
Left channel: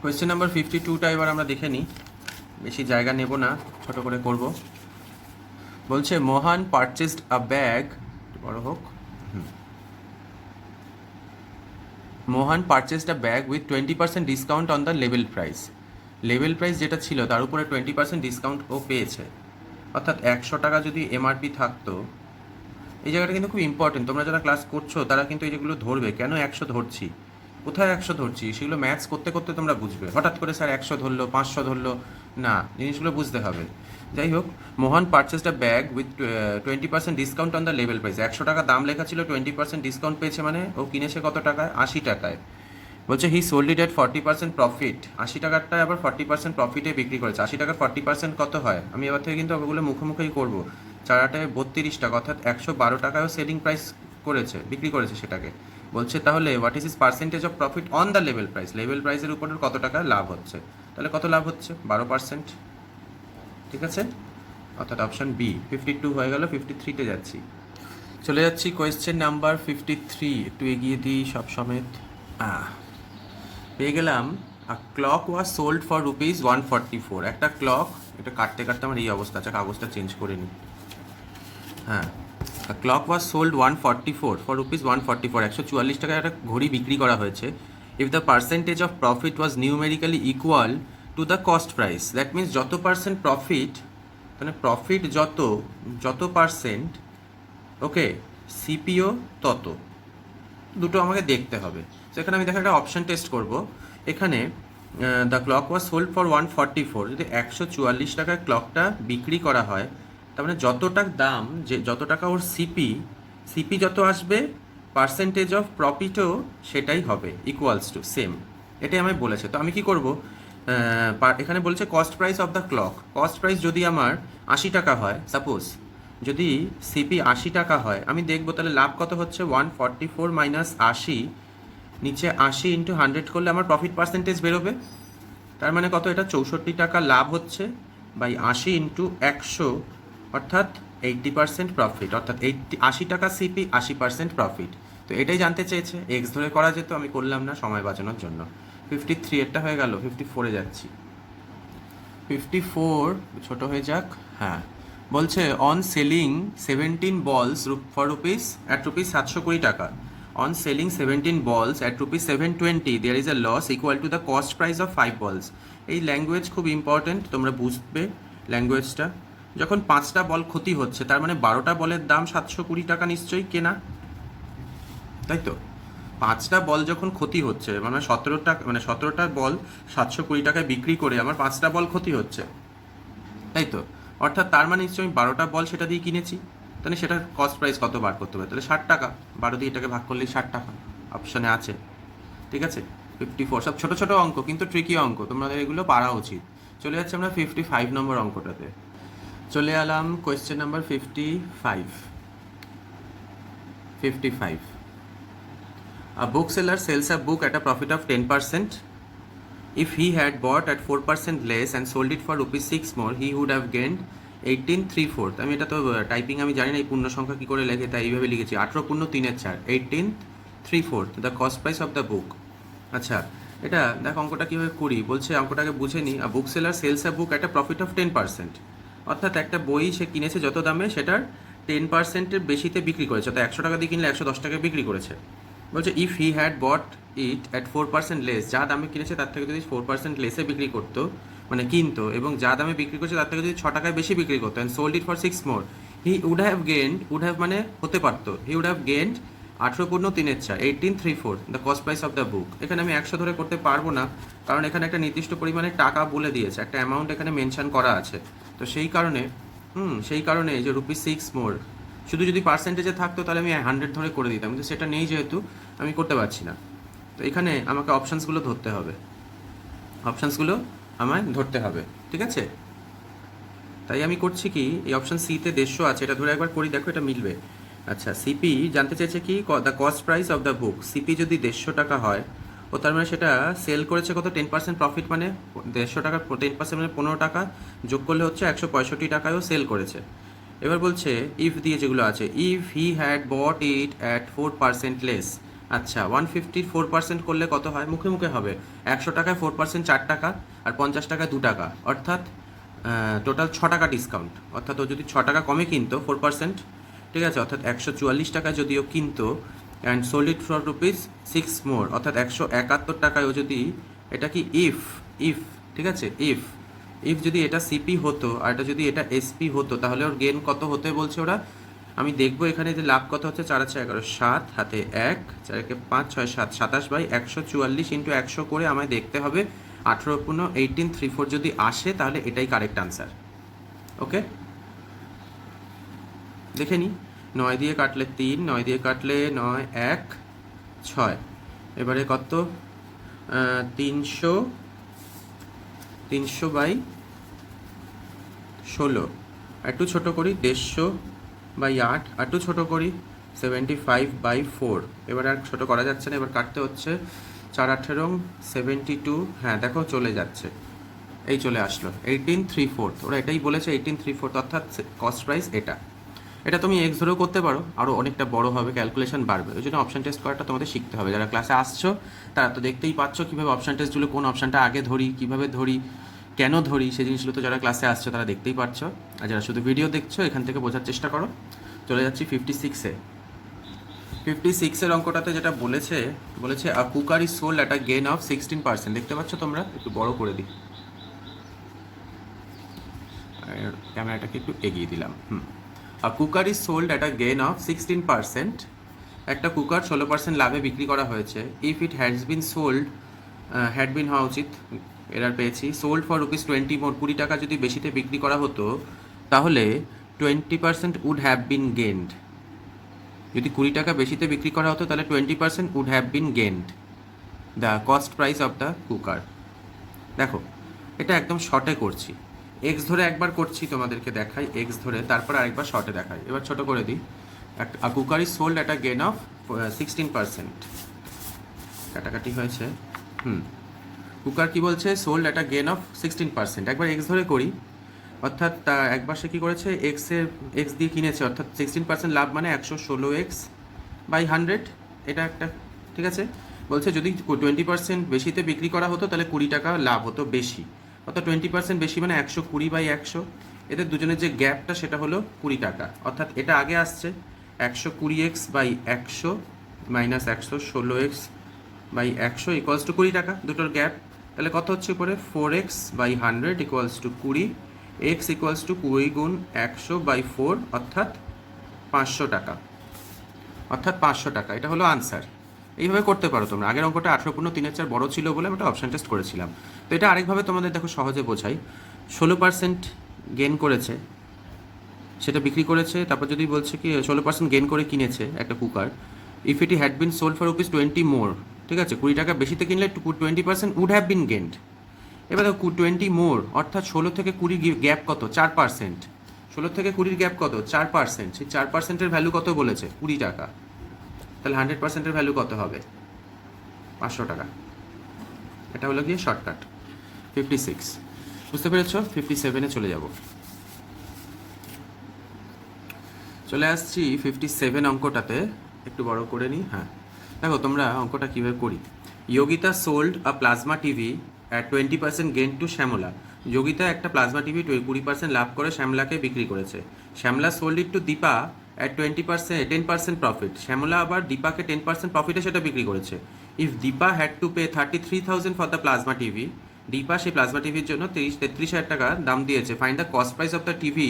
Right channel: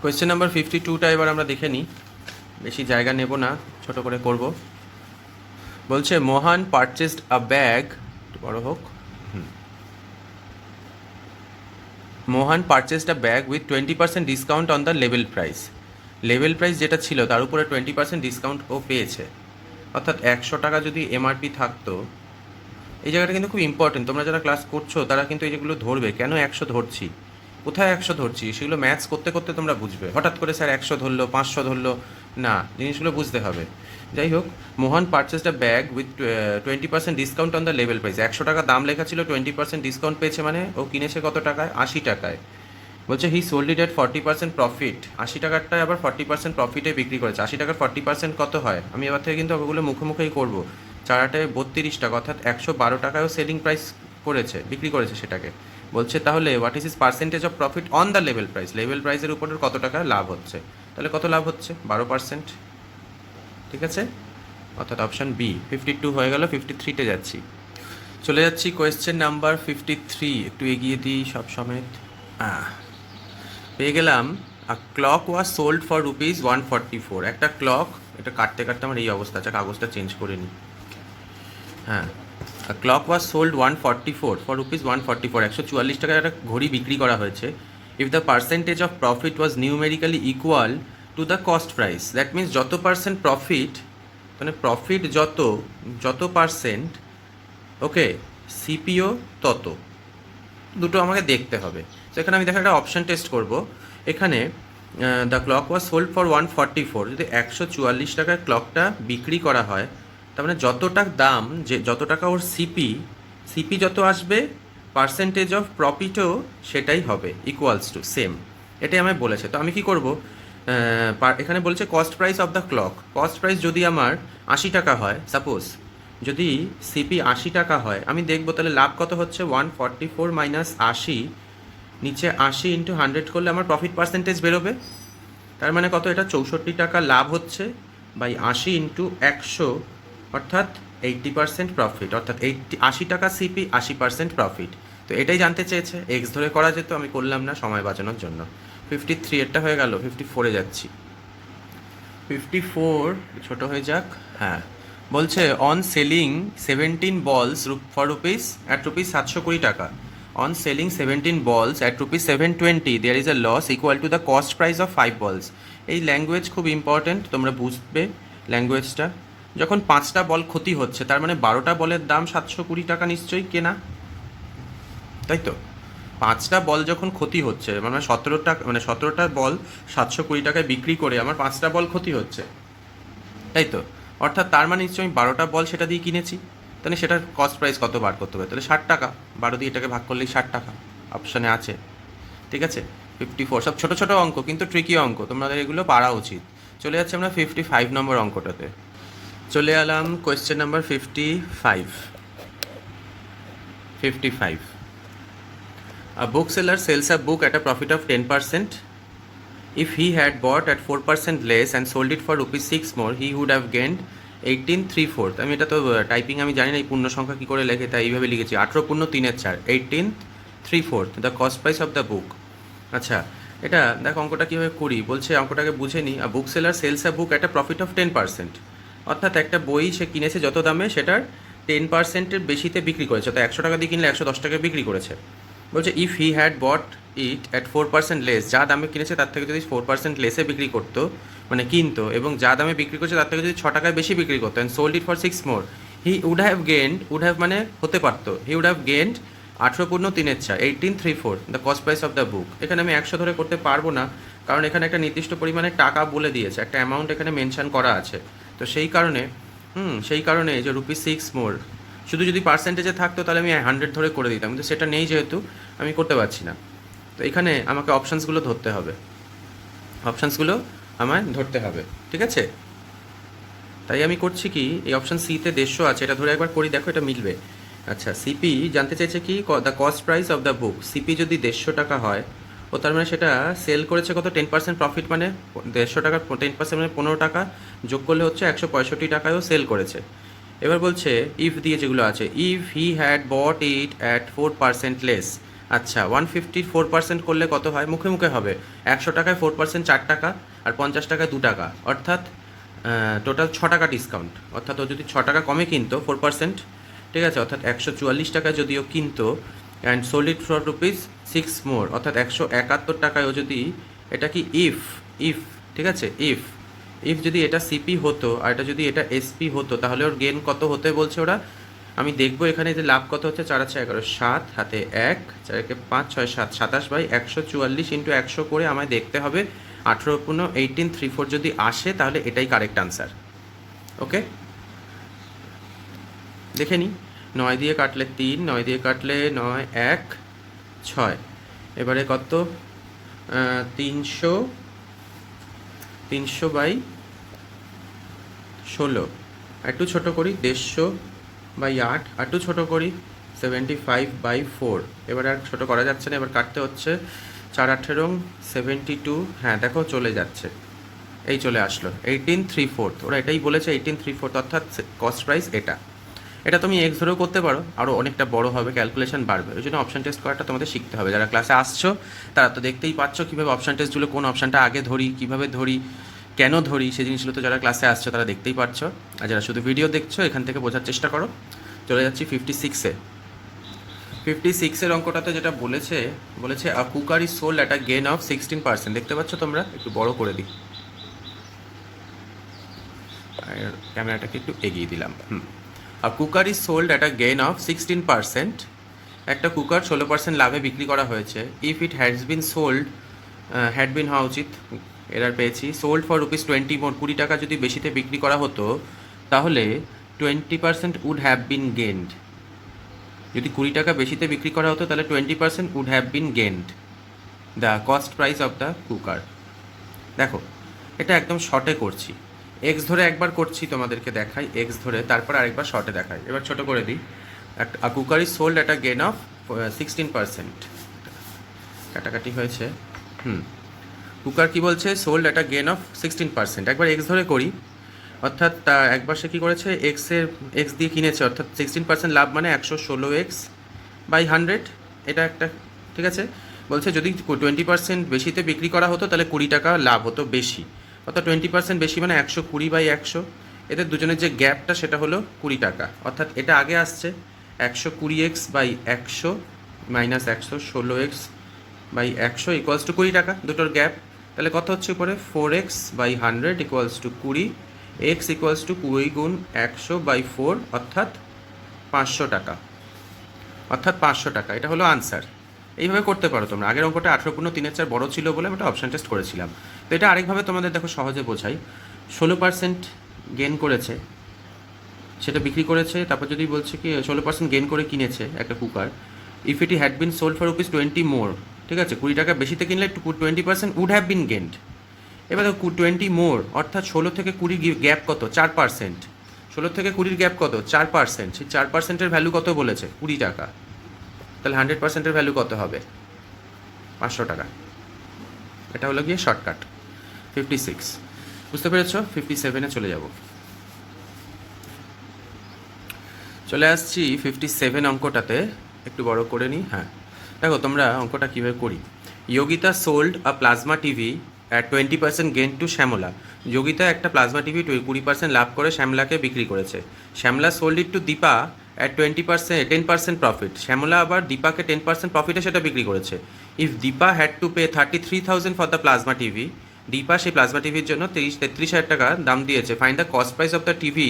কোয়েশ্চেন নাম্বার 52টা এবার আমরা দেখে নিই, বেশি জায়গা নেব না, ছোট করে করব। বলছে মোহন পারচেসড আ ব্যাগ, বড় হোক, Mohan purchased a bag with 20% discount on the level price. Level price যেটা ছিল তার উপরে 20% ডিসকাউন্ট ও পেয়েছে, অর্থাৎ 100 টাকা যদি এমআরপি থাকতো। এই জায়গাটা কিন্তু খুব ইম্পর্টেন্ট, তোমরা যারা ক্লাস করছো তারা কিন্তু এই যেগুলো ধরবে, কেন 100 ধরছি, কোথায় 100 ধরছি, সেগুলো ম্যাথস করতে করতে তোমরা বুঝবে। হঠাৎ করে স্যার 100 ধরলো, 500 ধরলো না, জিনিসগুলো বুঝতে হবে। যাই হোক, Mohan purchased a bag with 20% discount on the level price. 100 টাকা দাম লেখা ছিল, 20% ডিসকাউন্ট পেয়েছে, মানে ও কিনেছে কত টাকায়? 80 টাকায়। বলছে হি সোল্ড ইট এট 40% প্রফিট। 80 টাকারটায় আবার 40% প্রফিটে বিক্রি করেছে। 80 টাকার 40% কত হয়? আমি এবার থেকে কিন্তু ওগুলো মুখোমুখিই করবো। 4-8 32 টাকা, অর্থাৎ 112 টাকায়ও সেলিং প্রাইস করেছে, বিক্রি করেছে সেটাকে। বলছে তাহলে what is is percentage of profit on the level price? Level প্রাইসের উপরে কত টাকা লাভ হচ্ছে? তাহলে কত লাভ হচ্ছে? 12%, ঠিক আছে, অর্থাৎ অপশান বি। 52 হয়ে গেল, 53-তে যাচ্ছি। চলে যাচ্ছি কোয়েশ্চেন নাম্বার 53, একটু এগিয়ে দিই সব সমেত। পেয়ে গেলাম আ ক্লক ওয়াজ সোল্ড ফর ₹144। একটা ক্লক, এটা কাটতে কাটতে আমার এই অবস্থা, আচ্ছা কাগজটা চেঞ্জ করে নিই। হ্যাঁ, আ ক্লক ওয়াজ সোল্ড 144 ফর ₹144। 144 টাকায় একটা ঘড়ি বিক্রি করা হয়েছে if the percentage of profit was numerically equal to the cost price, that means যত পার্সেন্ট প্রফিট, মানে প্রফিট যত পার্সেন্ট, ওকে, সিপিও তত, দুটো আমাকে দেখতে হবে। তো এখানে আমি দেখা একটা অপশান টেস্ট করব। এখানে the clock was sold for 144, যদি 144 টাকায় ক্লকটা বিক্রি করা হয়, তার মানে যতটা দাম, যে যত টাকা ওর সিপি যত আসবে, পার্সেন্টেজ অফ প্রফিটও সেটাই হবে, ইকুয়ালস টু সেম, এটাই আমায় বলেছে। তো আমি কি করব, এখানে বলছে cost price of the clock. Cost price যদি আমার 80 টাকা হয়, সাপোজ যদি সিপি 80 টাকা হয়, আমি দেখবো তাহলে লাভ কত হচ্ছে, 144 মাইনাস 80, নিচে 80 ইন্টু 100 করলে আমার প্রফিট পার্সেন্টেজ বেরোবে। তার মানে কত, এটা 64 টাকা লাভ হচ্ছে বাই 80 ইন্টু 100, অর্থাৎ 80% প্রফিট, অর্থাৎ 80 টাকা সিপি, 80% প্রফিট। তো এটাই জানতে চেয়েছে, এক্স ধরে করা যেত, আমি করলাম না সময় বাঁচানোর জন্য। 53 এরটা হয়ে গেল, 54-এ যাচ্ছি। 54 ছোট হয়ে যাক, হ্যাঁ, বলছে অন সেলিং 17 বলস ফর রুপিস অ্যাট রুপিস 720 টাকা, on selling 17 balls at rupees 720 there is a loss equal to the cost price of 5 balls. এই ল্যাঙ্গুয়েজ খুব ইম্পর্টেন্ট, তোমরা বুঝবে ল্যাঙ্গুয়েজটা। যখন 5টা বল ক্ষতি হচ্ছে, তার মানে 12টা বলের দাম 720 টাকা নিশ্চয়ই কেনা, তাই তো? 5টা বল যখন ক্ষতি হচ্ছে, মানে 17টা বল 720 টাকায় বিক্রি করে আমার 5টা বল ক্ষতি হচ্ছে, তাই তো? অর্থাৎ তার মানে নিশ্চয়ই আমি 12টা বল সেটা দিয়ে কিনেছি, তাহলে সেটার কস্ট প্রাইস কত বার করতে হবে, তাহলে 60 টাকা, 12 দিয়ে এটাকে ভাগ করলেই 60 টাকা, অপশানে আছে, ঠিক আছে? 54, সব ছোটো ছোটো অঙ্ক, কিন্তু ট্রিকি অঙ্ক, তোমাদের এগুলো পারা উচিত। চলে যাচ্ছে আমরা 55 নম্বর অঙ্কটাতে, চলে এলাম question number 55. A bookseller sells a book at a profit of 10%. If he had bought at 4% less and sold it for rupees 6 more, he would have gained 18/3/4. আমি এটা তো টাইপিং আমি জানি না, এই পূর্ণ সংখ্যা কী করে লেখে, তাই এইভাবে লিখেছি, 18 পূর্ণ 3/4, 18/3/4 the cost price of the book. আচ্ছা, এটা দেখো অঙ্কটা কীভাবে করি, বলছে অঙ্কটাকে বুঝে নিই। Book seller sells a book at a profit of 10%, অর্থাৎ একটা বই সে কিনেছে যত দামে, সেটার 10%-এর বেশিতে বিক্রি করেছে, তো 100 টাকা দিয়ে কিনলে 110 টাকায় বিক্রি করেছে। বলছে if he had bought it at 4% less, যা দামে কিনেছে তার থেকে যদি 4% লেসে বিক্রি করতো, মানে কিনতো, এবং যা দামে বিক্রি করছে তার থেকে যদি 6 টাকায় বেশি বিক্রি করতো, and sold it for 6 more, he would have gained, would have মানে হতে পারতো, হি উড হ্যাভ গেন্ড 18 পূর্ণ 3/4, 18/3/4 the cost price of the book. এখানে আমি 100 ধরে করতে পারবো না, কারণ এখানে একটা নির্দিষ্ট পরিমাণে টাকা বলে দিয়েছে, একটা অ্যামাউন্ট এখানে মেনশন করা আছে। তো সেই কারণে যে রুপিস 6 মোর, শুধু যদি পার্সেন্টেজে থাকতো তাহলে আমি 100 ধরে করে দিতাম, কিন্তু সেটা নেই, যেহেতু আমি করতে পারছি না। তো এখানে আমাকে অপশানসগুলো ধরতে হবে, ঠিক আছে? তাই আমি করছি কি, এই অপশান সিতে 150 আছে, এটা ধরে একবার করি, দেখো এটা মিলবে। আচ্ছা, সিপি জানতে চাইছে কি, the cost price of the book. CP যদি 150 টাকা হয়, ও তার মানে সেটা সেল করেছে কত, 10% প্রফিট, মানে 150 টাকার 10% মানে 15 টাকা যোগ করলে হচ্ছে 165 টাকায়ও সেল করেছে। এবার বলছে ইফ দিয়ে যেগুলো আছে, if he had bought it at 4% less. আচ্ছা, 154% করলে কত হয়, মুখে মুখে হবে, 100 টাকায় 4% 4 টাকা, আর 50 টাকায় 2 টাকা, অর্থাৎ টোটাল 6 টাকা ডিসকাউন্ট, অর্থাৎ ও যদি 6 টাকা কমে কিনতো 4%, ঠিক আছে, অর্থাৎ 144 টাকায় যদিও কিনতো, and sold it for rupees 6 more, অর্থাৎ 171 টাকায় ও যদি, এটা কি ইফ, ঠিক আছে, ইফ যদি এটা সিপি হতো আর এটা যদি এটা এসপি হতো, তাহলে ওর গেন কত হতে বলছে ওরা। আমি দেখবো এখানে যে লাভ কত হচ্ছে, 4 আছে 11, 7 হাতে 1, 4 × 5 = 6, 7, 27/144 ইন্টু 100 করে আমায় দেখতে হবে 18 পূর্ণ 18/3/4 যদি আসে, তাহলে এটাই কারেক্ট আনসার। ওকে, দেখে নিই, 9 দিয়ে কাটলে 3, 9 দিয়ে কাটলে 9, 1, 6, এবারে কত, 300/16, একটু ছোট করি, 150/8, একটু ছোট করি, 75/4, এবার আর ছোটো করা যাচ্ছে না, এবার কাটতে হচ্ছে, 4 18 72, হ্যাঁ দেখো চলে যাচ্ছে, এই চলে আসলো 18/3/4, ওরা এটাই বলেছে 18/3/4, অর্থাৎ কস্ট প্রাইস এটা তুমি এক্স ধরেও করতে পারো, আরও অনেকটা বড় হবে, ক্যালকুলেশন বাড়বে, ওই জন্য অপশান টেস্ট করাটা তোমাদের শিখতে হবে। যারা ক্লাসে আসছো তারা তো দেখতেই পাচ্ছ কীভাবে অপশান টেস্টগুলো, কোন অপশানটা আগে ধরি, কীভাবে ধরি, কেন ধরি, সেই জিনিসগুলো তো যারা ক্লাসে আসছো তারা দেখতেই পারছো, আর যারা শুধু ভিডিও দেখছো এখান থেকে বোঝার চেষ্টা করো। চলে যাচ্ছি 56-এ। 56-এর অঙ্কটাতে যেটা বলেছে বলেছে a cooker is sold at a gain of 16%। দেখতে পাচ্ছ তোমরা? একটু বড় করে দিই, আর ক্যামেরাটাকে একটু এগিয়ে দিলাম। A cooker is sold at a gain of 16%। একটা কুকার 16% লাভে বিক্রি করা হয়েছে। If it has been sold, had been হওয়া উচিত, এরার পেয়েছি। সোল্ড ফর ₹20 মোর, 20 টাকা যদি বেশিতে বিক্রি করা হতো তাহলে 20% উড হ্যাভ বিন গেন্ড। যদি 20 টাকা বেশিতে বিক্রি করা হতো তাহলে 20% would have been gained the cost price of the cooker. দেখো, এটা একদম শর্টে করছি, এক্স ধরে একবার করছি, তোমাদেরকে দেখাই এক্স ধরে, তারপর আরেকবার শর্টে দেখাই। এবার ছোট করে দিই। A cooker is sold at a gain of 16%। কাটাকাটি হয়েছে। কুকার কি বলছে? Sold at a gain of 16%। একবার এক্স ধরে করি, অর্থাৎ একবার সে কী করেছে, এক্স দিয়ে কিনেছে, অর্থাৎ 16% লাভ মানে 116x/100। এটা একটা, ঠিক আছে। বলছে যদি 20% বেশিতে বিক্রি করা হতো তাহলে 20 টাকা লাভ হতো বেশি, অর্থাৎ 20% বেশি মানে 120/100। এদের দুজনের যে গ্যাপটা সেটা হলো 20 টাকা, অর্থাৎ এটা আগে আসছে 120x/100 minus 116x/100 equals to 20 টাকা, দুটোর গ্যাপ। তাহলে কত হচ্ছে উপরে? 4x/100 equals to 20, x equals to 20 গুণ 100/4 অর্থাৎ 500 টাকা, অর্থাৎ 500 টাকা। এটা হলো আনসার। এইভাবে করতে পারো তোমরা। আগের অঙ্কটা 18/3 বড় ছিল বলে আমি একটা অপশান টেস্ট করেছিলাম। তো এটা আরেকভাবে তোমাদের দেখো সহজে বোঝাই। 16% গেন করেছে, সেটা বিক্রি করেছে, তারপর যদি বলছে কি 16% গেন করে কিনেছে একটা cooker. If it had been sold for ₹20 মোর, ঠিক আছে, 20 টাকা বেশিতে কিনলে 20% উড হ্যাভ বিন গেন্ড। এবার দেখো 20 মোর অর্থাৎ 16 থেকে 20 গ্যাপ কত? 4%। 16 থেকে 20 গ্যাপ কত? 4%। সেই 4%-এর ভ্যালু কত বলেছে? 20 টাকা। তাহলে 100%-এর ভ্যালু কত হবে? 500 টাকা। এটা হলো গিয়ে শর্টকাট। 56 বুঝতে পেরেছ? 57-এ চলে যাব। চলে আসছি 57 অঙ্কটাতে, একটু বড় করে নিই। হ্যাঁ, দেখো তোমরা অঙ্কটা কীভাবে করি। Yogita sold a plasma TV at 20% gain to Shyamala. Yogita একটা প্লাজমা টিভি 20% লাভ করে শ্যামলাকে বিক্রি করেছে। Shyamala sold it to Dipa at 10% profit. Shyamala আবার দীপাকে 10% প্রফিটে সেটা বিক্রি করেছে। If Dipa had to pay 33,000 for the plasma TV, Dipa সেই প্লাজমা টিভির জন্য 33,000 টাকা দাম দিয়েছে। Find the cost price of the TV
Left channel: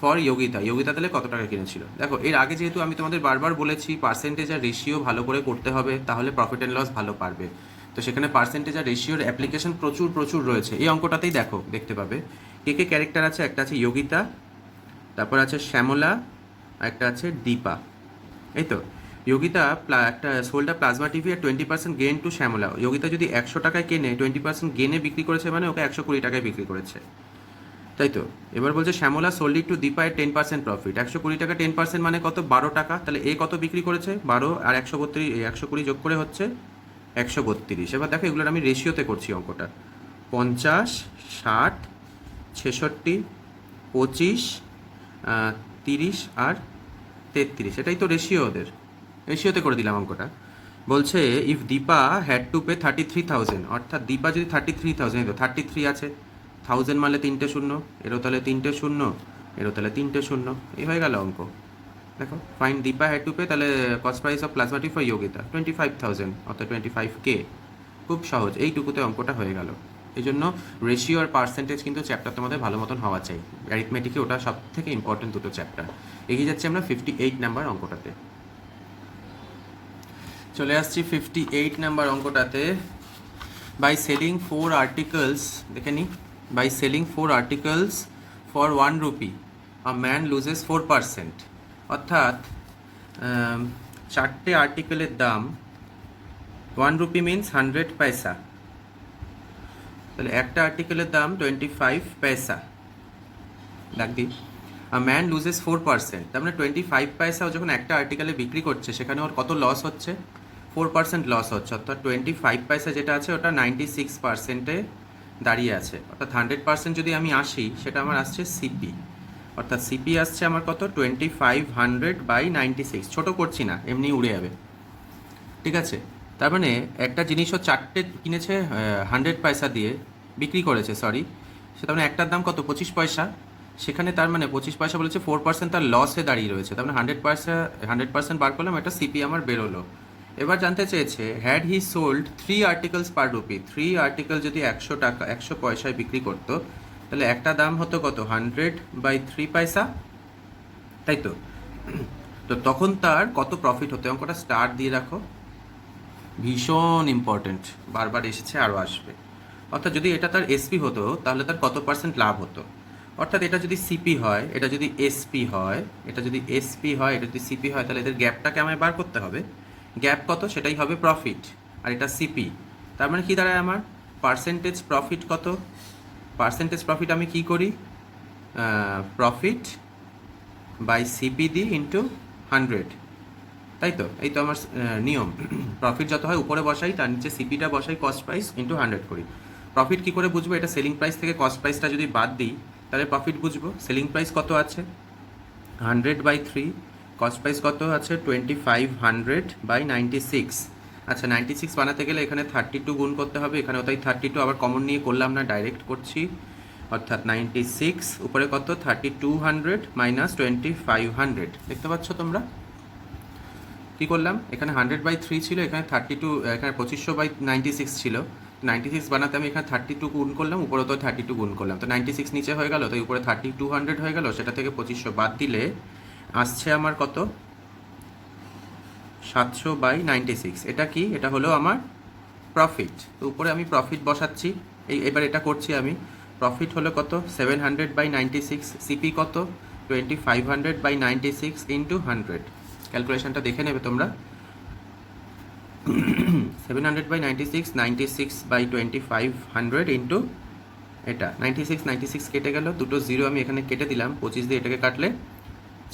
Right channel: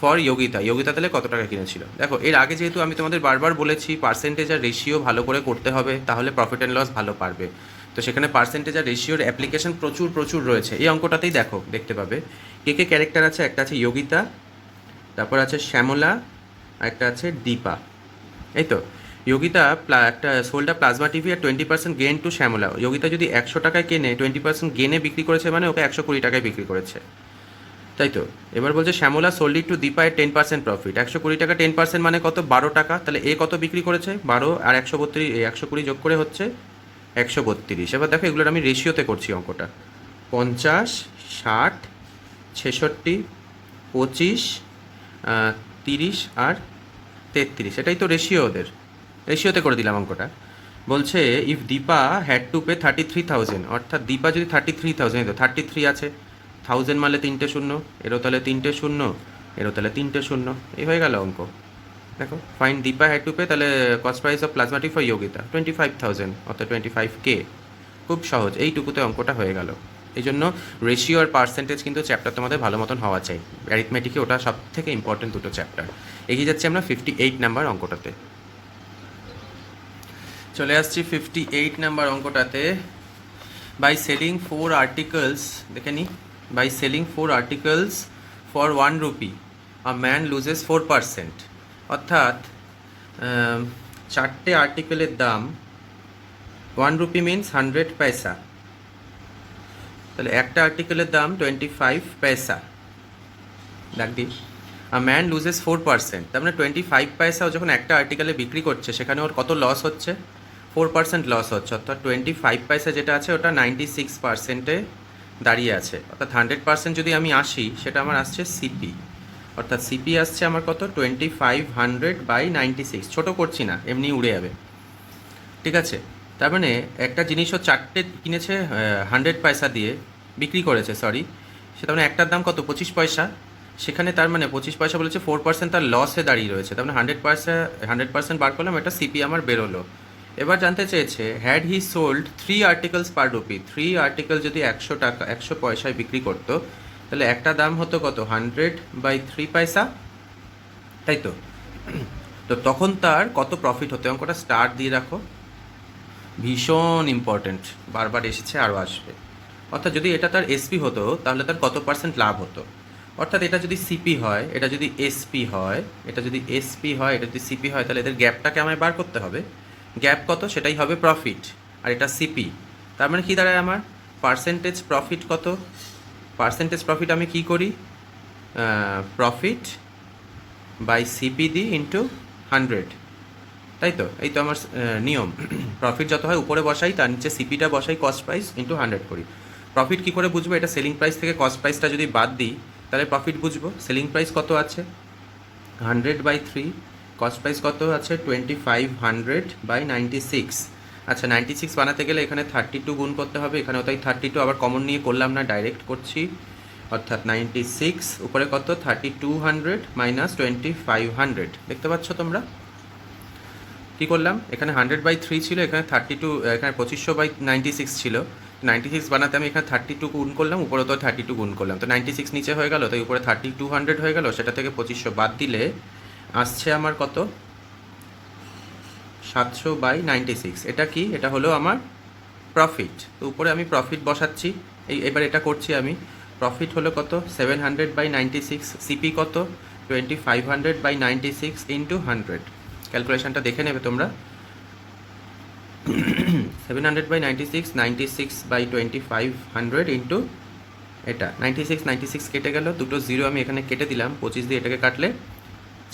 for Yogita. Yogita তাহলে কত টাকা কিনেছিল? দেখো, এর আগে যেহেতু আমি তোমাদের বারবার বলেছি পার্সেন্টেজ আর রেশিও ভালো করে করতে হবে, তাহলে প্রফিট অ্যান্ড লস ভালো পারবে। তো সেখানে পার্সেন্টেজ আর রেশিওর অ্যাপ্লিকেশন প্রচুর রয়েছে। এই অঙ্কটাতেই দেখো, দেখতে পাবে কে কে ক্যারেক্টার আছে। একটা আছে যোগিতা, তারপর আছে শ্যামলা, একটা আছে দীপা। এই তো যোগিতা একটা সোল্ডা plasma TV R 20% gain to Shyamala. Yogita যদি 100 টাকায় কেনে 20% গেনে বিক্রি করেছে, মানে ওকে 120 টাকায় বিক্রি করেছে, তাই তো। এবার বলছে শ্যামলা সোল্ড ইট টু দীপা এর 10% প্রফিট। 120 টাকা 10% মানে কত? 12 টাকা। তাহলে এ কত বিক্রি করেছে? 12 আর 132, 120 যোগ করে হচ্ছে 132। এবার দেখো এগুলোর আমি রেশিওতে করছি অঙ্কটা। 50, 60, 66, 25, 30 আর 33, এটাই তো রেশিও ওদের। রেশিওতে করে দিলাম অঙ্কটা। বলছে if Dipa had to pay 33,000, অর্থাৎ দীপা যদি 33,000, তো 33 আছে, 1000 মারলে 3টে শূন্য, এরও তাহলে 3টে শূন্য, এরও তাহলে 3টে শূন্য, এই হয়ে গেল অঙ্ক। দেখো, fine Dipa had to pay, তাহলে cost price of plasma TV for Yogita 25,000, অর্থাৎ 25K। খুব সহজ, এইটুকুতে অঙ্কটা হয়ে গেল। এই জন্য রেশিও আর পার্সেন্টেজ কিন্তু চ্যাপ্টার তোমাদের ভালো মতন হওয়া চাই। অ্যারিথমেটিকে ওটা সব থেকে ইম্পর্টেন্ট দুটো চ্যাপ্টার। এগিয়ে যাচ্ছি আমরা 58 নাম্বার অঙ্কটাতে। চলে আসছি 58 নাম্বার অঙ্কটাতে। বাই সেলিং 4 আর্টিকেলস, দেখে নিই। By selling 4 articles for 1 rupee a man loses 4%। অর্থাৎ 4টে আর্টিকেলের দাম 1 rupee মিনস 100 পয়সা, তাহলে একটা আর্টিকেলের দাম 25 পয়সা। দেখ দিই, আ ম্যান লুজেস 4%, তার মানে 25 পয়সাও যখন একটা আর্টিকেলে বিক্রি করছে সেখানে ওর কত লস হচ্ছে? 4% লস হচ্ছে। অর্থাৎ 25 পয়সা যেটা আছে ওটা 96%-এ দাঁড়িয়ে আছে। অর্থাৎ 100% যদি আমি আসি, সেটা আমার আসছে সিপি। অর্থাৎ সিপি আসছে আমার কত? 2500/96। ছোটো করছি না, এমনি উড়ে যাবে, ঠিক আছে। তার মানে একটা জিনিসও 4টে কিনেছে 100 পয়সা দিয়ে, বিক্রি করেছে, সরি, সেটা মানে একটার দাম কত? 25 পয়সা। সেখানে তার মানে 25 পয়সা বলেছে 4% তার লসে দাঁড়িয়ে রয়েছে, তার মানে 100% বার করলাম, এটা সিপি আমার বেরোলো। এবার জানতে চেয়েছে had he sold 3 articles per rupee, 3 article যদি 100 টাকা 100 পয়সায় বিক্রি করতো তাহলে একটা দাম হতো কত, 100/3 পয়সা, তাই তো? তো তখন তার কত প্রফিট হতো, অঙ্কটা স্টার দিয়ে রাখো, ভীষণ ইম্পর্টেন্ট, বারবার এসেছে আরও আসবে। অর্থাৎ যদি এটা তার এসপি হতো তাহলে তার কত পার্সেন্ট লাভ হতো, অর্থাৎ এটা যদি সিপি হয়, এটা যদি এসপি হয়, এটা যদি এসপি হয়, এটা যদি সিপি হয়, তাহলে এদের গ্যাপটাকে আমায় বার করতে হবে। গ্যাপ কত, সেটাই হবে প্রফিট, আর এটা সিপি। তার মানে কি দাঁড়ায় আমার, পার্সেন্টেজ প্রফিট কত, পার্সেন্টেজ প্রফিট আমি কি করি, প্রফিট বাই সিপি দি ইন্টু 100, তাই তো? এই তো আমার নিয়ম, প্রফিট যত হয় উপরে বসাই, তার নিচে সিপিটা বসাই, কস্ট প্রাইস ইন্টু 100 করি। প্রফিট কী করে বুঝবো, এটা সেলিং প্রাইস থেকে কস্ট প্রাইসটা যদি বাদ দিই তাহলে প্রফিট বুঝবো। সেলিং প্রাইস কত আছে 100/3, কস্ট প্রাইস কত আছে 2500/96। আচ্ছা 96 বানাতে গেলে এখানে 32 গুণ করতে হবে, এখানেও তাই 32, আবার কমন নিয়ে করলাম না, ডাইরেক্ট করছি। অর্থাৎ 96 উপরে কত 3200 মাইনাস 2500, দেখতে পাচ্ছ তোমরা কী করলাম, এখানে 100/3 ছিল, এখানে 32, এখানে 2500/96 ছিল। 96 বানাতে আমি এখানে 32 গুণ করলাম, উপরে তো 32 গুণ করলাম, তো 96 নিচে হয়ে গেল, তাই উপরে 3200 হয়ে গেল, সেটা থেকে 2500 বাদ দিলে আসছে আমার কত, 700/96। এটা কি, এটা হলো আমার প্রফিট। তো উপরে আমি প্রফিট বসাচ্ছি, এবার এটা করছি আমি। প্রফিট হলো কত 700/96, সিপি কত 2500/96 ইন্টু 100, ক্যালকুলেশনটা দেখে নেবে তোমরা। 700/96, 96/2500 ইন্টু এটা 96 কেটে গেল, দুটো জিরো আমি এখানে কেটে দিলাম, 25 দিয়ে এটাকে কাটলে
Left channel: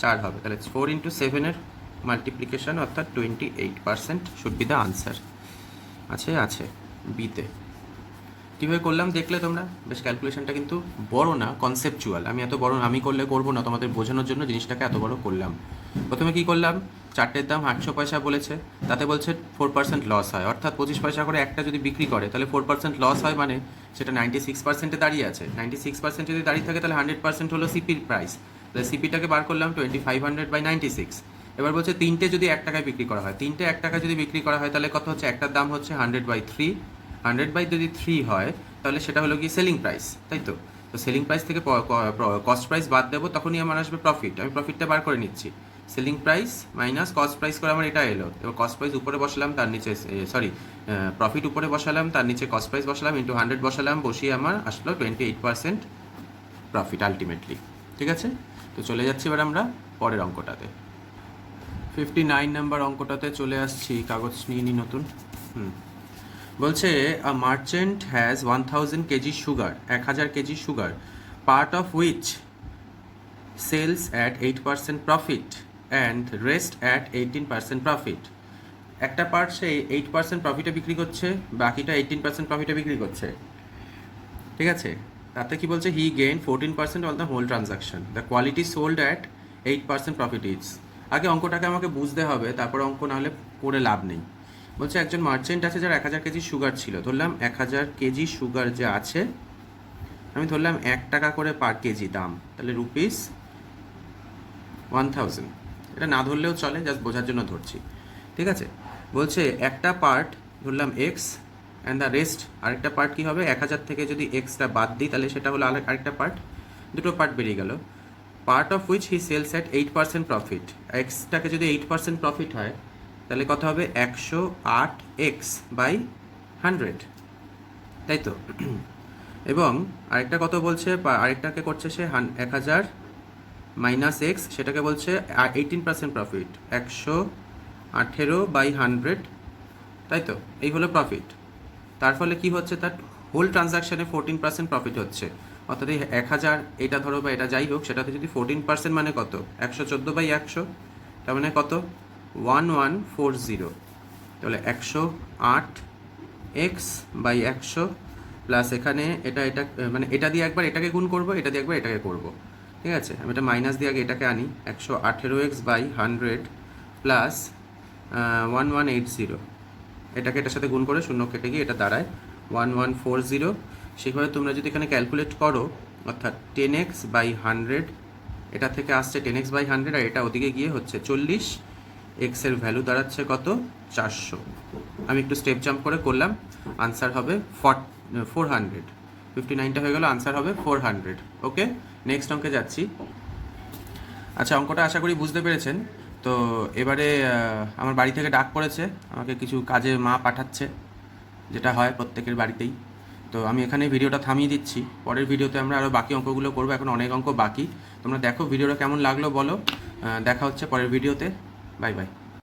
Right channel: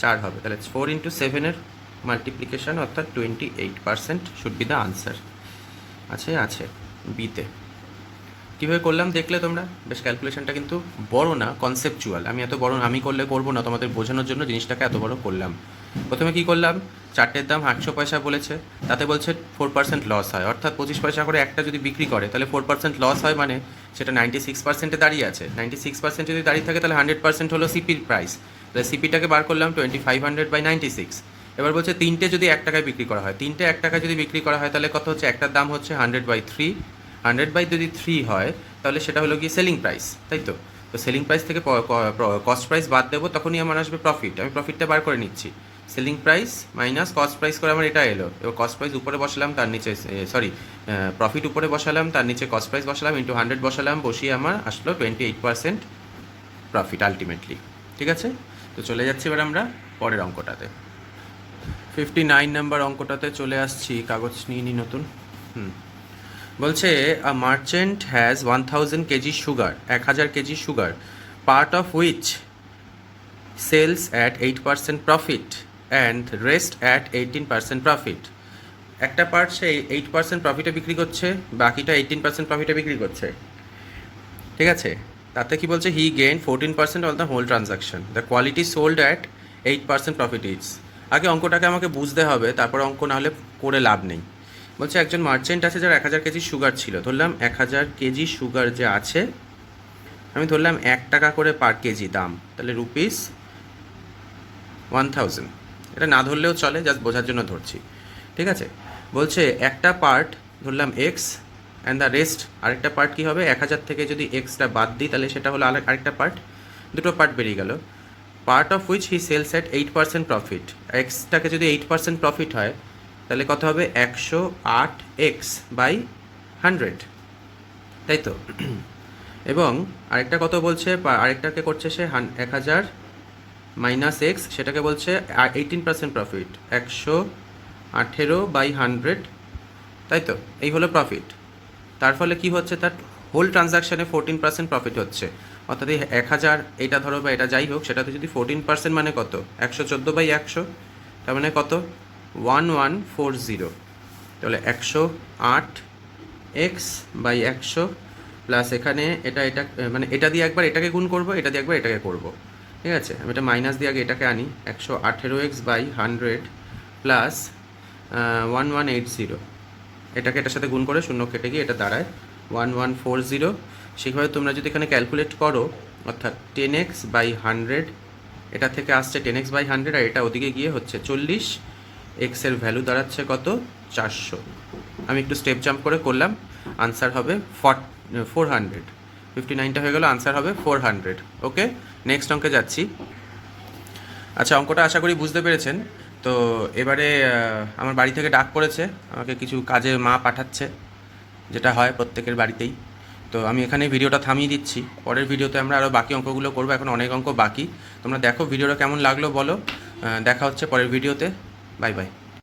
4 হবে, তাহলে 4 × 7-এর মাল্টিপ্লিকেশন, অর্থাৎ 28% শুড বি দ্য আনসার। আছে বিতে। কীভাবে করলাম দেখলে তোমরা, বেশ ক্যালকুলেশনটা কিন্তু বড় না, কনসেপচুয়াল। আমি এত বড় আমি করলে করবো না, তোমাদের বোঝানোর জন্য জিনিসটাকে এত বড় করলাম। প্রথমে কি করলাম, চারটের দাম 100 পয়সা বলেছে, তাতে বলছে 4% লস হয়, অর্থাৎ 25 পয়সা করে একটা যদি বিক্রি করে তাহলে 4% লস হয়, মানে সেটা 96%-এ দাঁড়িয়ে আছে। 96% যদি দাঁড়িয়ে থাকে তাহলে 100% হলো সিপির প্রাইস, তাহলে সিপিটাকে বার করলাম 2500/96। এবার বলছে তিনটে যদি 1 টাকায় বিক্রি করা হয়, তিনটে 1 টাকায় যদি বিক্রি করা হয় তাহলে কত হচ্ছে, একটার দাম হচ্ছে 100/3, 100/3 হয় তাহলে সেটা হলো কি সেলিং প্রাইস, তাই তো? তো সেলিং প্রাইস থেকে কস্ট প্রাইস বাদ দেবো, তখনই আমার আসবে প্রফিট। আমি প্রফিটটা বার করে নিচ্ছি, selling price minus cost price করে আমার এটা এলো। এবার কস্ট প্রাইস উপরে বসালাম, তার নিচে প্রফিট উপরে বসালাম, তার নিচে কস্ট প্রাইস বসালাম, ইন্টু 100 বসালাম, বসিয়ে আমার আসলো 28% প্রফিট আলটিমেটলি। ঠিক আছে, তো চলে যাচ্ছি এবার আমরা পরের অঙ্কটাতে। 59 নাম্বার অঙ্কটাতে চলে আসছি, কাগজ নিয়ে নিই নতুন। বলছে a merchant has 1000 kg sugar, 1000 kg sugar, part of which sells at 8% profit and rest at 18% profit. একটা পার্ট সে 8% প্রফিটে বিক্রি করছে, বাকিটা 18% প্রফিটে বিক্রি করছে, ঠিক আছে? তাতে কি বলছে, he gain 14% on the whole transaction, the quality sold at 8% profit is. আগে অঙ্কটাকে আমাকে বুঝতে হবে, তারপর অঙ্ক না হলে করে লাভ নেই। বলছে একজন মার্চেন্ট আছে যার 1000 কেজি সুগার ছিল, ধরলাম 1000 কেজি সুগার যে আছে, আমি ধরলাম 1 টাকা করে পার কেজি দাম, তাহলে রুপিস 1000। এটা না ধরলেও চলে, জাস্ট বোঝার জন্য ধরছি, ঠিক আছে? বলছে একটা পার্ট ধরলাম এক্স অ্যান্ড দ্য রেস্ট, আরেকটা পার্ট কী হবে, 1000 থেকে যদি এক্সটা বাদ দিই তাহলে সেটা হলো আরেকটা পার্ট, দুটো পার্ট বেরিয়ে গেল। Part of which he sells at 8% profit, এক্সটাকে যদি 8% প্রফিট হয় তাহলে কত হবে 108x/100, তাই তো? এবং আরেকটা কত বলছে, আরেকটাকে করছে সে 1000 মাইনাস এক্স, সেটাকে বলছে 18% প্রফিট, 118/100, তাই তো? এই হলো প্রফিট। তার ফলে কি হচ্ছে, তার হোল ট্রানজাকশানে 14% প্রফিট হচ্ছে, অর্থাৎ এই 1000 এটা ধরো বা এটা যাই হোক, সেটাতে যদি 14% মানে কত, 114/100, তার মানে কত 1140, তাহলে 108x/100 প্লাস এখানে এটা মানে এটা দিয়ে একবার এটাকে গুণ করবো, এটা দিয়ে একবার এটাকে করবো, ঠিক আছে? আমি এটা মাইনাস দিয়ে আগে এটাকে আনি, 118x/100 প্লাস 1180, এটাকে এটার সাথে গুণ করে শূন্য কেটে গিয়ে এটা দাঁড়ায় 1140। সেভাবে তোমরা যদি এখানে ক্যালকুলেট করো অর্থাৎ 10x বাই 100, এটা থেকে আসছে 10x বাই 100 আর এটা ওদিকে গিয়ে হচ্ছে 40, এক্সের ভ্যালু দাঁড়াচ্ছে কত 400। আমি একটু স্টেপ জাম্প করে করলাম, আনসার হবে 400। 59টা হয়ে গেল, আনসার হবে 400। ওকে, নেক্সট অঙ্কে যাচ্ছি। আচ্ছা, অঙ্কটা আশা করি বুঝতে পেরেছেন। তো এবারে আমার বাড়ি থেকে ডাক পড়েছে, আমাকে কিছু কাজে মা পাঠাচ্ছে, যেটা হয় প্রত্যেকের বাড়িতেই। তো আমি এখানে ভিডিওটা থামিয়ে দিচ্ছি, পরের ভিডিওতে আমরা আরও বাকি অঙ্কগুলো করবো, এখন অনেক অঙ্ক বাকি। তোমরা দেখো ভিডিওটা কেমন লাগলো বলো, দেখা হচ্ছে পরের ভিডিওতে। Bye bye.